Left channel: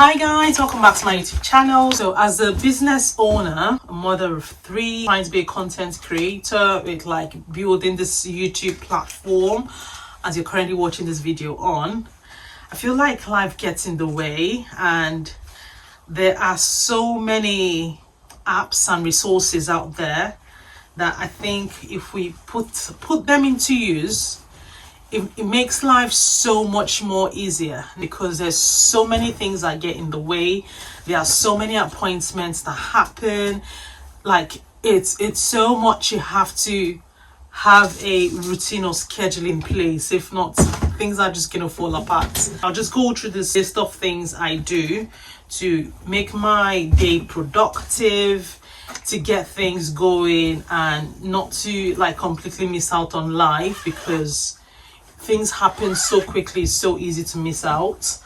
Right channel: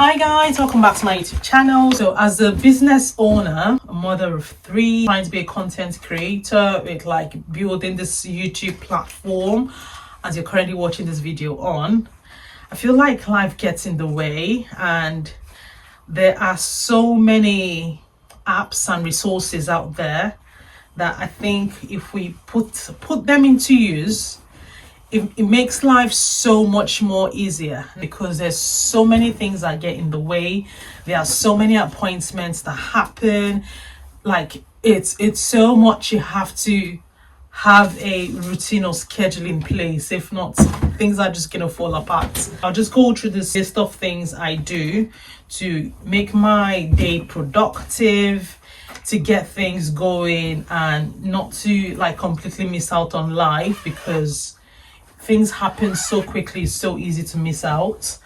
Hi guys, welcome back to my YouTube channel. So as a business owner, a mother of three, trying to be a content creator with like building this YouTube platform as you're currently watching this video on, I feel like life gets in the way and there are so many apps and resources out there that I think if we put them into use, it makes life so much more easier, because there's so many things that get in the way. There are so many appointments that happen. Like it's so much. You have to have a routine or schedule in place. If not, things are just gonna fall apart. I'll just go through this list of things I do to make my day productive, to get things going, and not to like completely miss out on life, because things happen so quickly, it's so easy to miss out.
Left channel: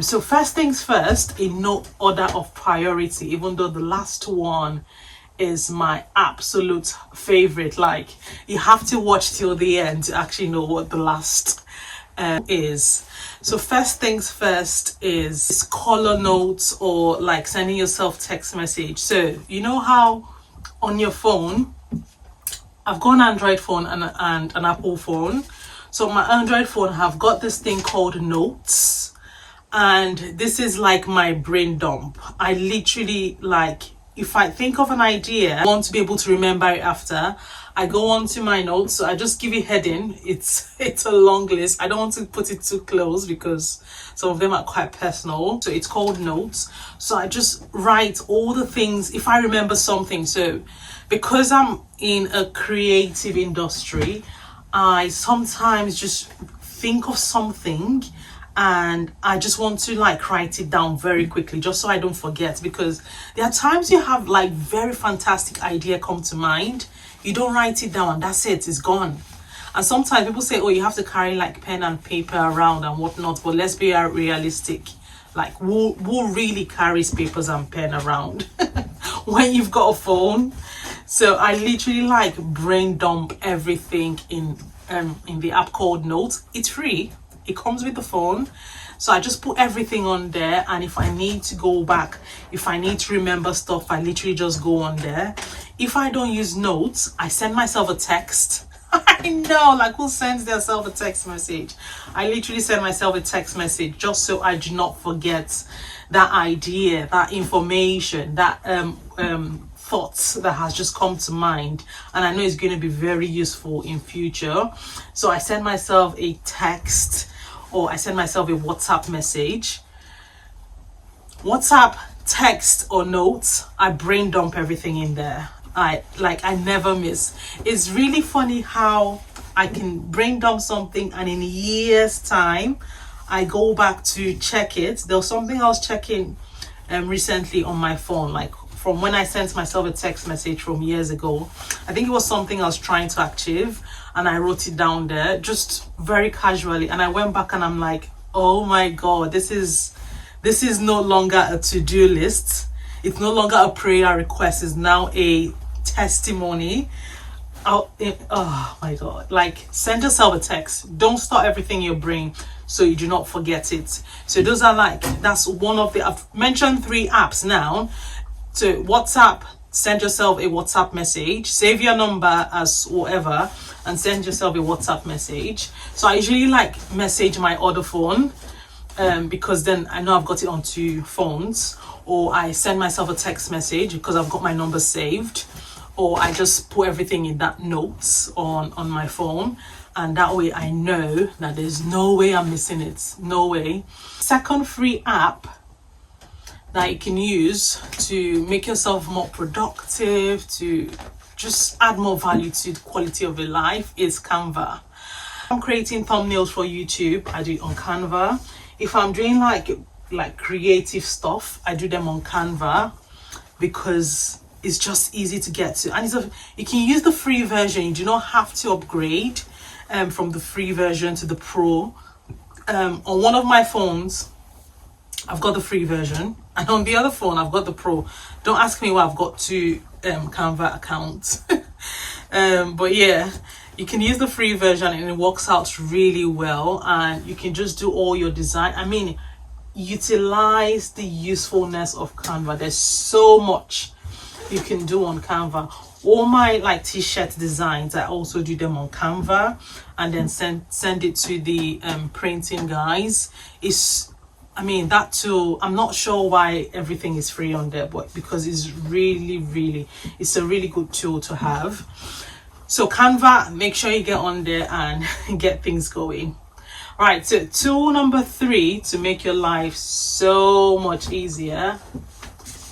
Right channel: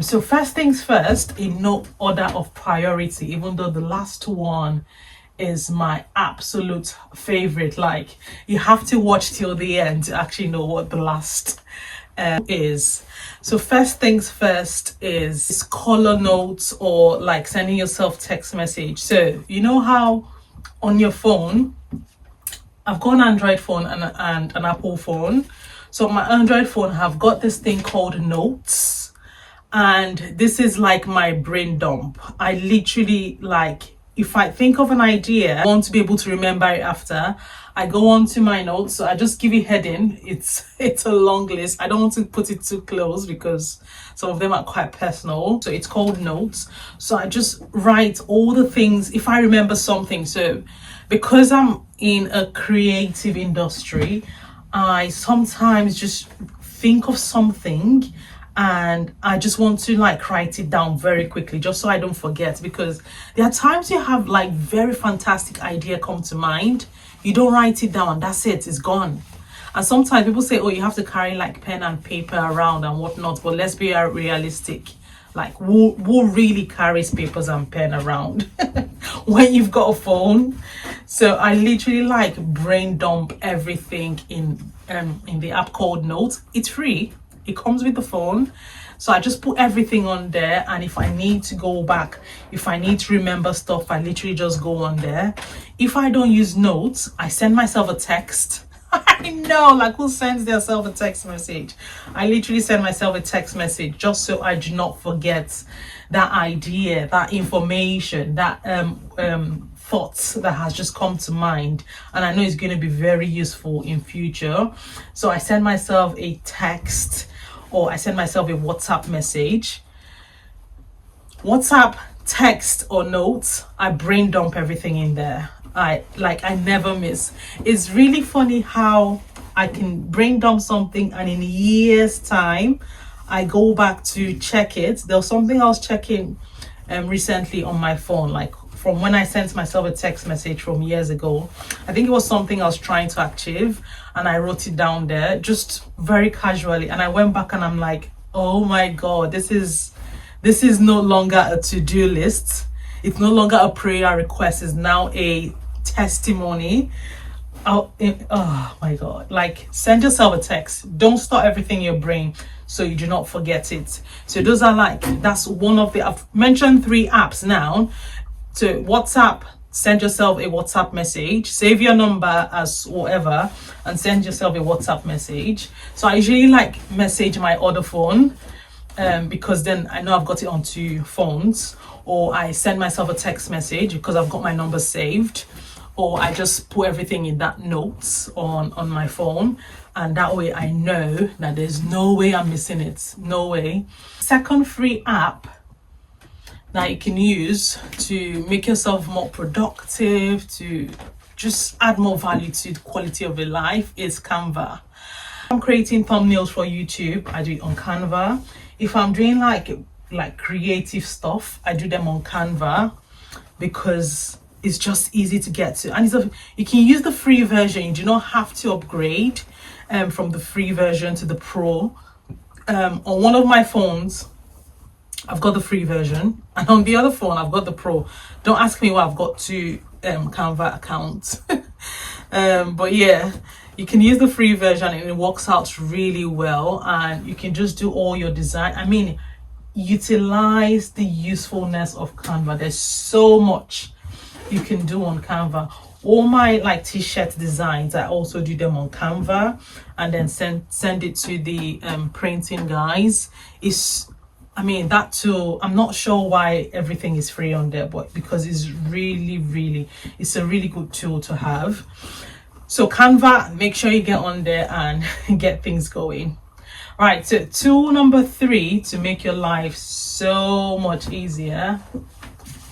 So first things first, in no order of priority, even though the last one is my absolute favorite. Like, you have to watch till the end to actually know what the last is. So first things first is color notes, or like sending yourself text message. So you know how on your phone, I've got an Android phone and an Apple phone. So my Android phone have got this thing called Notes, and this is like my brain dump. I literally, like, if I think of an idea, I want to be able to remember it after, I go on to my notes. So I just give it heading. It's a long list. I don't want to put it too close because some of them are quite personal. So it's called Notes. So I just write all the things if I remember something. So because I'm in a creative industry, I sometimes just think of something and I just want to like write it down very quickly just so I don't forget, because there are times you have like very fantastic idea come to mind, you don't write it down, that's it's gone. And sometimes people say, oh, you have to carry like pen and paper around and whatnot, but let's be realistic. Like, who really carries papers and pen around when you've got a phone? So I literally like brain dump everything in the app called Notes. It's free. It comes with the phone. So I just put everything on there, and if I need to go back, if I need to remember stuff, I literally just go on there. If I don't use Notes, I send myself a text. I know, like, who sends themselves a text message? I literally send myself a text message just so I do not forget that idea, that information, that thoughts that has just come to mind, and I know it's going to be very useful in future. So I send myself a text, or I send myself a WhatsApp message. WhatsApp, text, or notes, I brain dump everything in there. I never miss. It's really funny how I can brain dump something and in years time I go back to check it. There was something I was checking recently on my phone, like from when I sent myself a text message from years ago. I think it was something I was trying to achieve, and I wrote it down there just very casually, and I went back and I'm like, oh my god, this is no longer a to-do list. It's no longer a prayer request. It's now a testimony. Oh my god, like, send yourself a text. Don't store everything in your brain so you do not forget it. So those are like, that's one of the, I've mentioned 3 apps now. So WhatsApp, send yourself a WhatsApp message, save your number as whatever and send yourself a WhatsApp message. So I usually like message my other phone, because then I know I've got it on 2 phones. Or I send myself a text message because I've got my number saved, or I just put everything in that Notes on my phone, and that way I know that there's no way I'm missing it. No way. Second free app that you can use to make yourself more productive, to just add more value to the quality of your life, is Canva. I'm creating thumbnails for YouTube, I do it on Canva. If I'm doing like creative stuff, I do them on Canva because it's just easy to get to, and you can use the free version. You do not have to upgrade from the free version to the pro. On one of my phones I've got the free version, and on the other phone I've got the pro. Don't ask me why I've got 2 Canva accounts. But yeah, you can use the free version and it works out really well, and you can just do all your design. I mean, utilize the usefulness of Canva. There's so much you can do on Canva. All my like t-shirt designs, I also do them on Canva and then send it to the printing guys. I mean, that tool, I'm not sure why everything is free on there, but because it's it's a really good tool to have. So Canva, make sure you get on there and get things going. All right, so tool number 3 to make your life so much easier,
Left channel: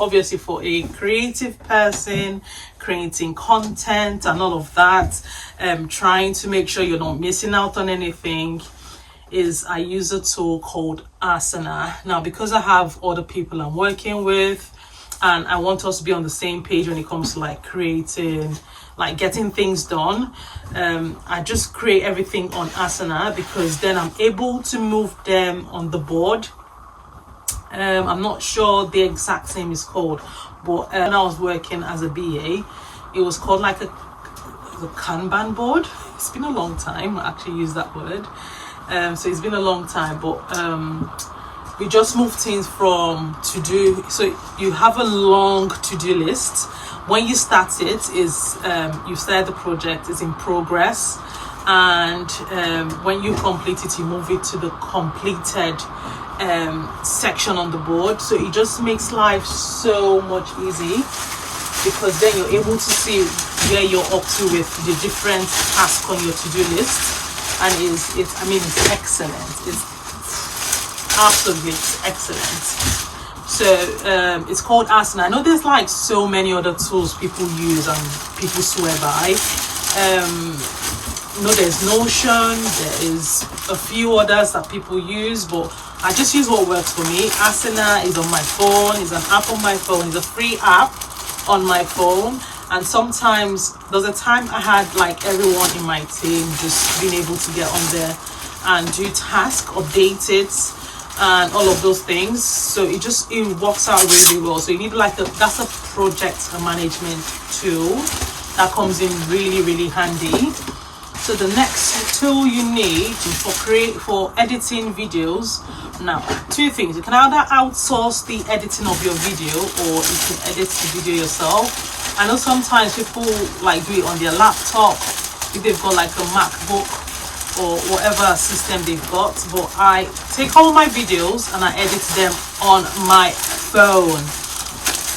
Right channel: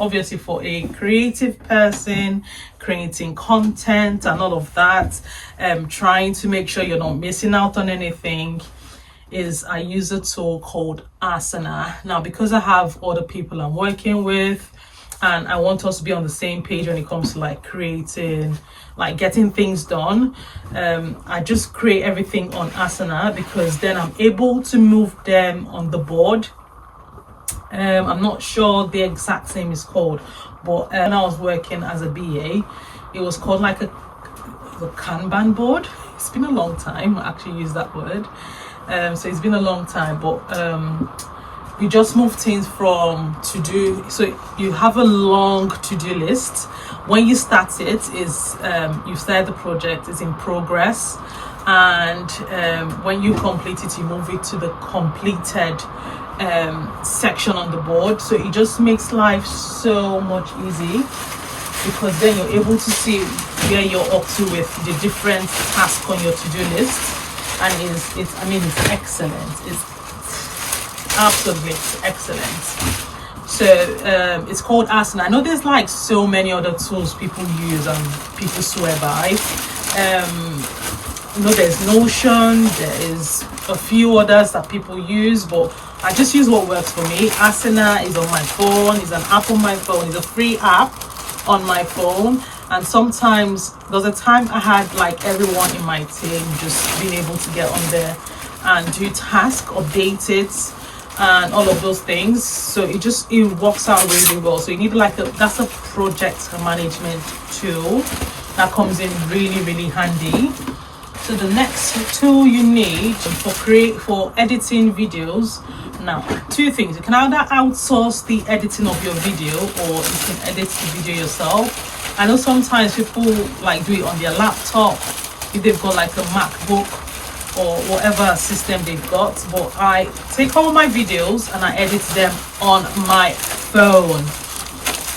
obviously for a creative person, creating content and all of that, trying to make sure you're not missing out on anything, is I use a tool called Asana. Now, because I have other people I'm working with and I want us to be on the same page when it comes to like creating, like getting things done, I just create everything on Asana because then I'm able to move them on the board. I'm not sure the exact name is called, but when I was working as a BA, it was called like a Kanban board. It's been a long time I actually use that word. So it's been a long time, but we just moved things from to do. So you have a long to-do list. When you start it, is you start the project, is in progress, and when you complete it, you move it to the completed section on the board. So it just makes life so much easy because then you're able to see where you're up to with the different tasks on your to-do list. And it's excellent. It's absolutely excellent. So it's called Asana. I know there's like so many other tools people use and people swear by. You know, there's Notion, there is a few others that people use, but I just use what works for me. Asana is on my phone, is an app on my phone, is a free app on my phone. And sometimes there's a time I had like everyone in my team just being able to get on there and do tasks, update it, and all of those things. So it works out really well. So you need like that's a project management tool that comes in really handy. So the next tool you need for editing videos, now 2 things. You can either outsource the editing of your video or you can edit the video yourself. I know sometimes people like do it on their laptop if they've got like a MacBook or whatever system they've got, but I take all my videos and I edit them on my phone,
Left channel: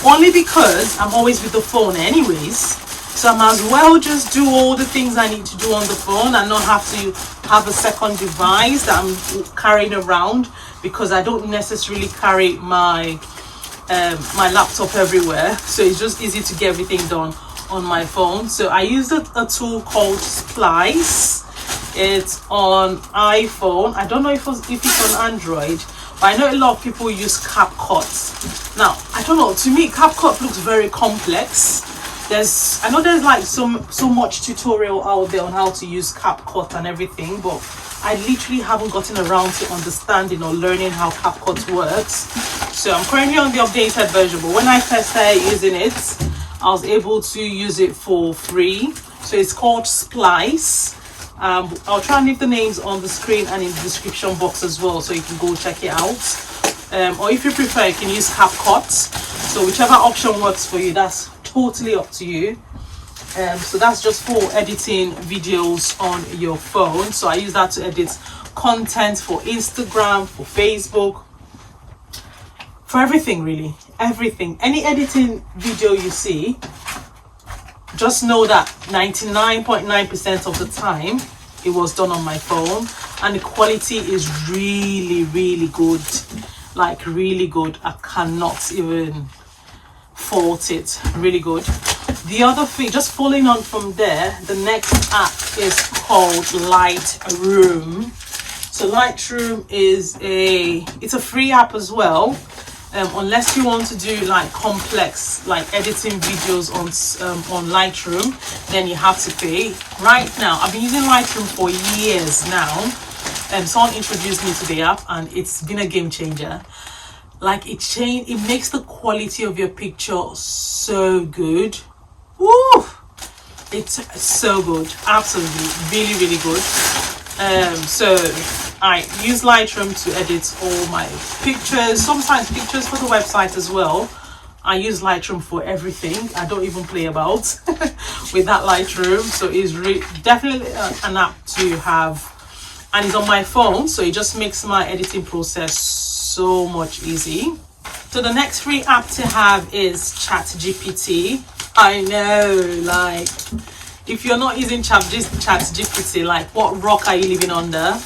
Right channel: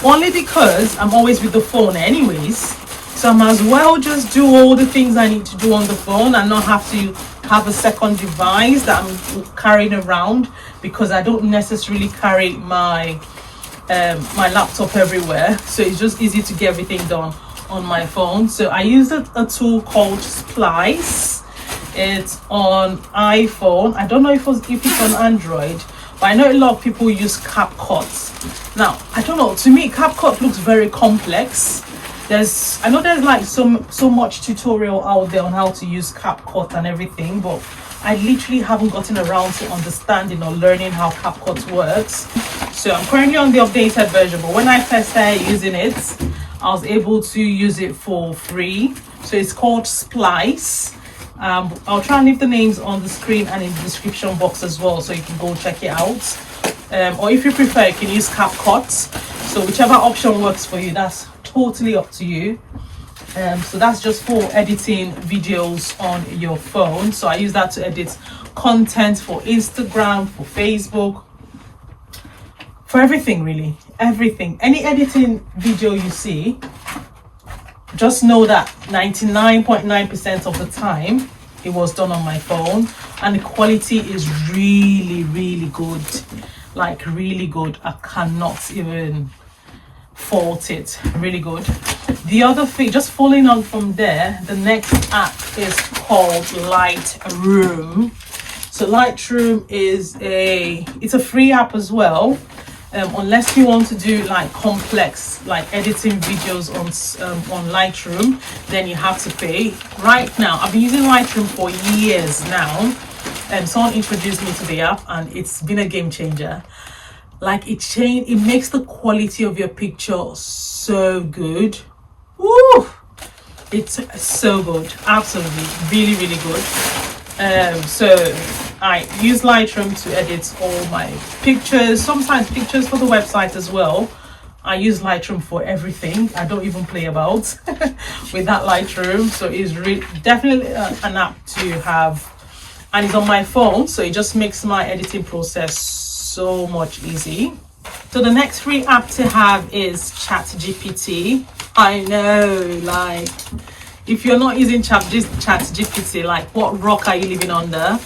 only because I'm always with the phone anyways. So I might as well just do all the things I need to do on the phone and not have to have a second device that I'm carrying around, because I don't necessarily carry my laptop everywhere. So it's just easy to get everything done on my phone. So I use a tool called Splice. It's on iPhone. I don't know if it's on Android, but I know a lot of people use CapCut. Now, I don't know, to me CapCut looks very complex. I know there's like so much tutorial out there on how to use CapCut and everything, but I literally haven't gotten around to understanding or learning how CapCut works. So I'm currently on the updated version, but when I first started using it, I was able to use it for free. So it's called Splice. I'll try and leave the names on the screen and in the description box as well, so you can go check it out. Or if you prefer, you can use CapCut. So whichever option works for you, that's totally up to you. So that's just for editing videos on your phone. So I use that to edit content for Instagram, for Facebook, for everything, really, everything. Any editing video you see, just know that 99.9% of the time it was done on my phone, and the quality is really good, like really good. I cannot even fault it, really good. The other thing, just following on from there, the next app is called Lightroom. So Lightroom it's a free app as well. Unless you want to do like complex, like editing videos on Lightroom, then you have to pay. Right now, I've been using Lightroom for years now, and someone introduced me to the app, and it's been a game changer. Like it makes the quality of your picture so good. Woo! It's so good, absolutely, really good. So I use Lightroom to edit all my pictures, sometimes pictures for the website as well. I use Lightroom for everything. I don't even play about with that Lightroom. So it's definitely an app to have, and it's on my phone, so it just makes my editing process so much easy. So the next free app to have is ChatGPT. I know, like, if you're not using ChatGPT, like, what rock are you living under?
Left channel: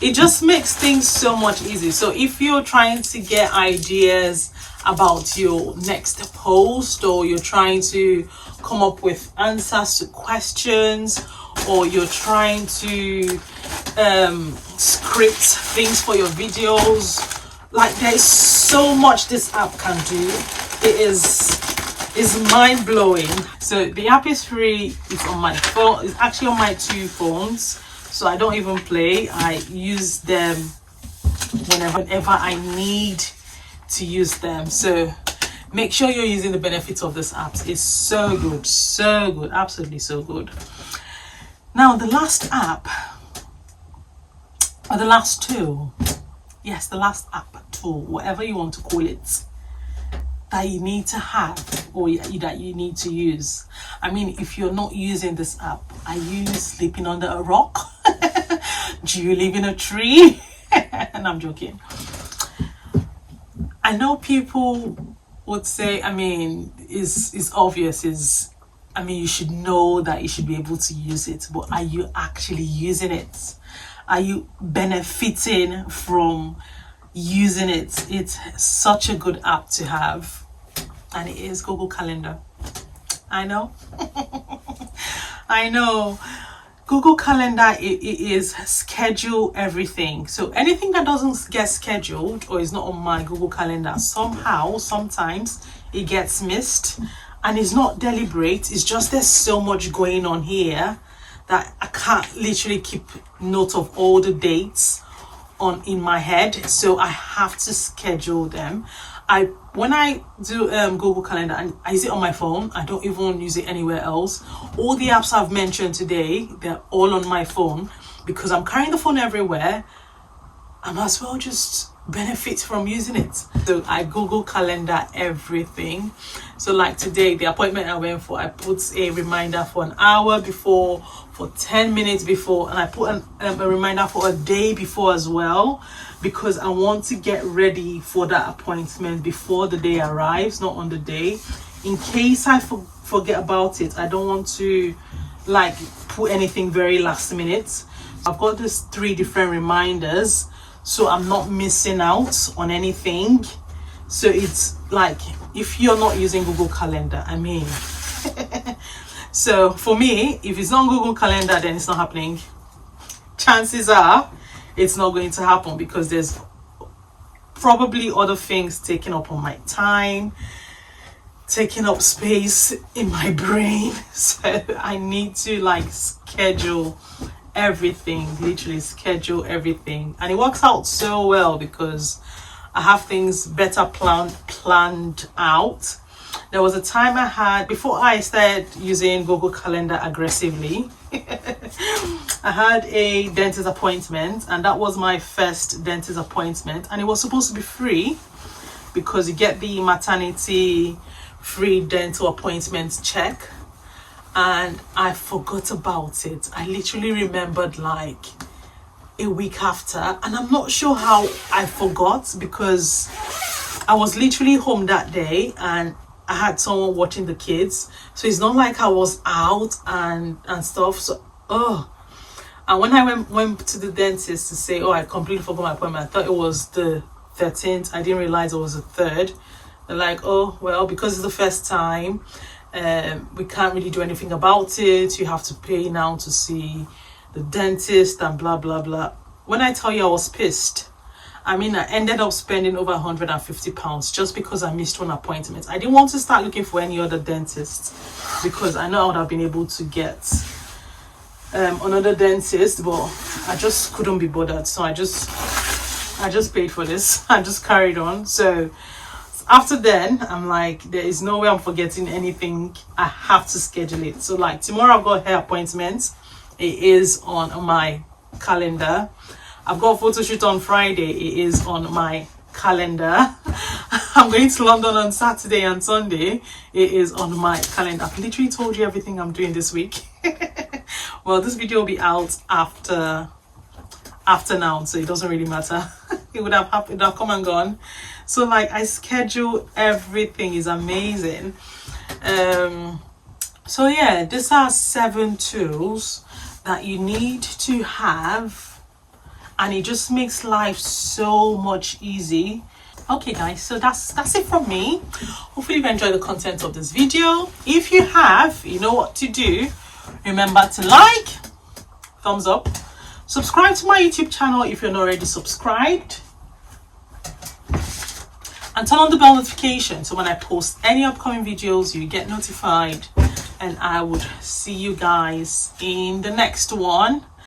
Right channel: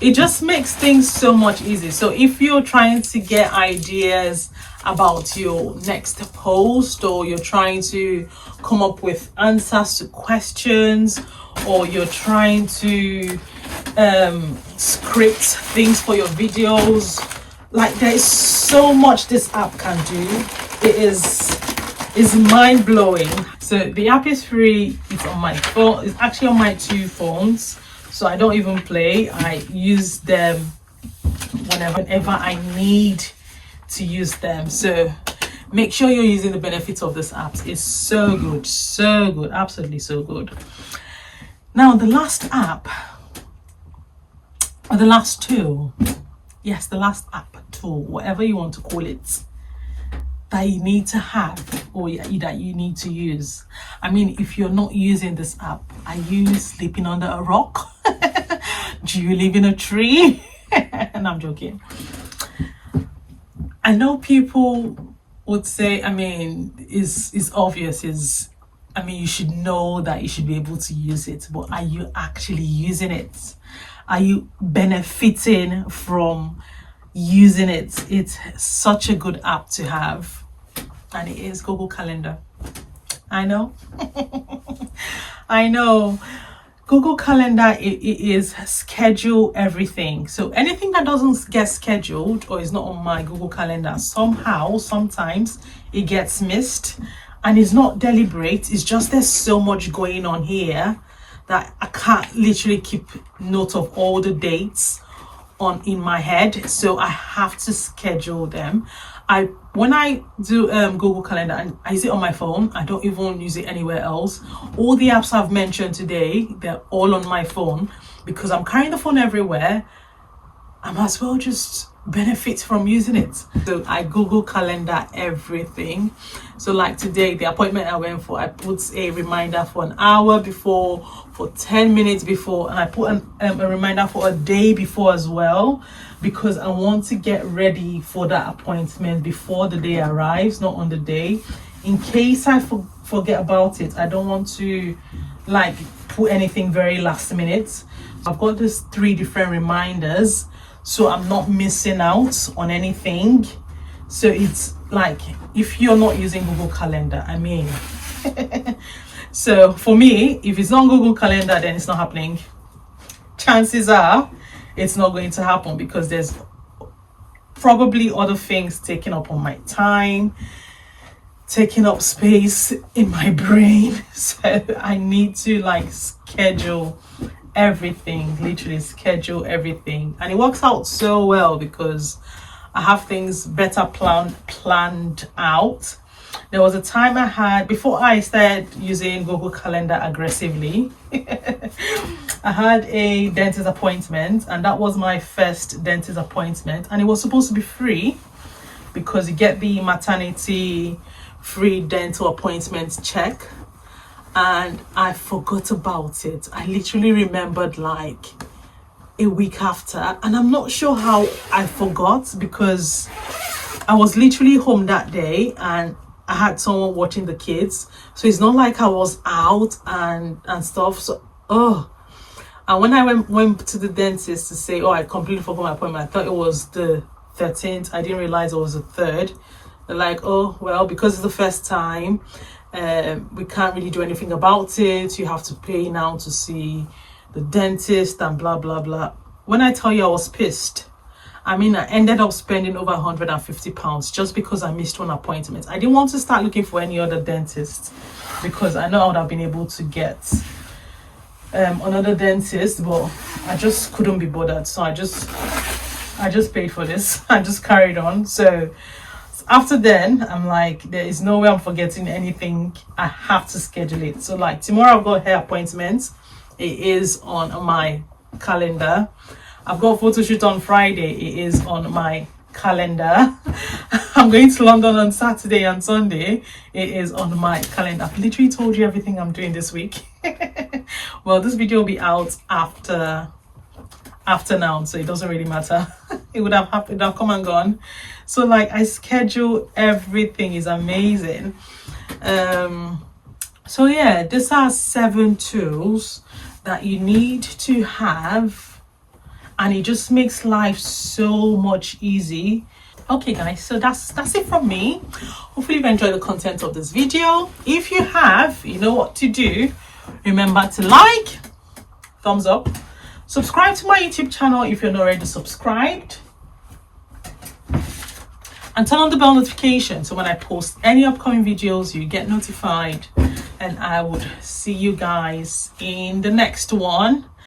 It just makes things so much easier. So if you're trying to get ideas about your next post, or you're trying to come up with answers to questions, or you're trying to script things for your videos, like, there is so much this app can do. It is mind-blowing. So the app is free. It's on my phone. It's actually on my 2 phones, so I don't even play. I use them whenever I need to use them. So make sure you're using the benefits of this app. It's so good, absolutely so good. Now the last app, or the last tool, yes, the last app, tool, whatever you want to call it, that you need to have, or that you need to use. I mean, if you're not using this app, are you sleeping under a rock? Do you live in a tree? And I'm joking. I know people would say, I mean, it's obvious, I mean, you should know that you should be able to use it, but are you actually using it? Are you benefiting from using it? It's such a good app to have, and it is Google Calendar. I know. I know. Google Calendar, it is schedule everything. So anything that doesn't get scheduled or is not on my Google Calendar, sometimes it gets missed, and it's not deliberate. It's just there's so much going on here that I can't literally keep note of all the dates in my head, so I have to schedule them. When I do Google Calendar, and I use it on my phone, I don't even use it anywhere else. All the apps I've mentioned today, they're all on my phone, because I'm carrying the phone everywhere. I might as well just benefit from using it. So I Google Calendar everything. So like today, the appointment I went for, I put a reminder for an hour before, for 10 minutes before, and I put a reminder for a day before as well, because I want to get ready for that appointment before the day arrives, not on the day. In case I forget about it, I don't want to like put anything very last minute. I've got these 3 different reminders, so I'm not missing out on anything. So it's like, if you're not using Google Calendar, I mean, so for me, if it's not Google Calendar, then it's not happening. Chances are it's not going to happen, because there's probably other things taking up on my time, taking up space in my brain. So I need to like schedule everything, literally schedule everything, and it works out so well because I have things better planned out. There was a time I had, before I started using Google Calendar aggressively, I had a dentist appointment, and that was my first dentist appointment, and it was supposed to be free because you get the maternity free dental appointment check, and I forgot about it. I literally remembered like a week after, and I'm not sure how I forgot, because I was literally home that day and I had someone watching the kids, so it's not like I was out and stuff. So and when I went to the dentist to say, I completely forgot my appointment, I thought it was the 13th. I didn't realize it was the 3rd. They're like, oh well, because it's the first time, we can't really do anything about it. You have to pay now to see the dentist and blah blah blah. When I tell you I was pissed, I mean, I ended up spending over £150 just because I missed one appointment. I didn't want to start looking for any other dentist, because I know I would have been able to get another dentist, but I just couldn't be bothered. So I just paid for this. I just carried on. So after then, I'm like, there is no way I'm forgetting anything. I have to schedule it. So like tomorrow I've got a hair appointment. It is on my calendar. I've got a photo shoot on Friday. It is on my calendar. I'm going to London on Saturday and Sunday. It is on my calendar. I've literally told you everything I'm doing this week. Well, this video will be out after now, so it doesn't really matter. It would have happened, it would have come and gone. So like, I schedule everything. Is amazing. So yeah, these are 7 tools that you need to have, and it just makes life so much easy. Okay guys, so that's it from me. Hopefully you've enjoyed the content of this video. If you have, you know what to do. Remember to like, thumbs up, subscribe to my YouTube channel if you're not already subscribed, and turn on the bell notification so when I post any upcoming videos you get notified. And I would see you guys in the next one.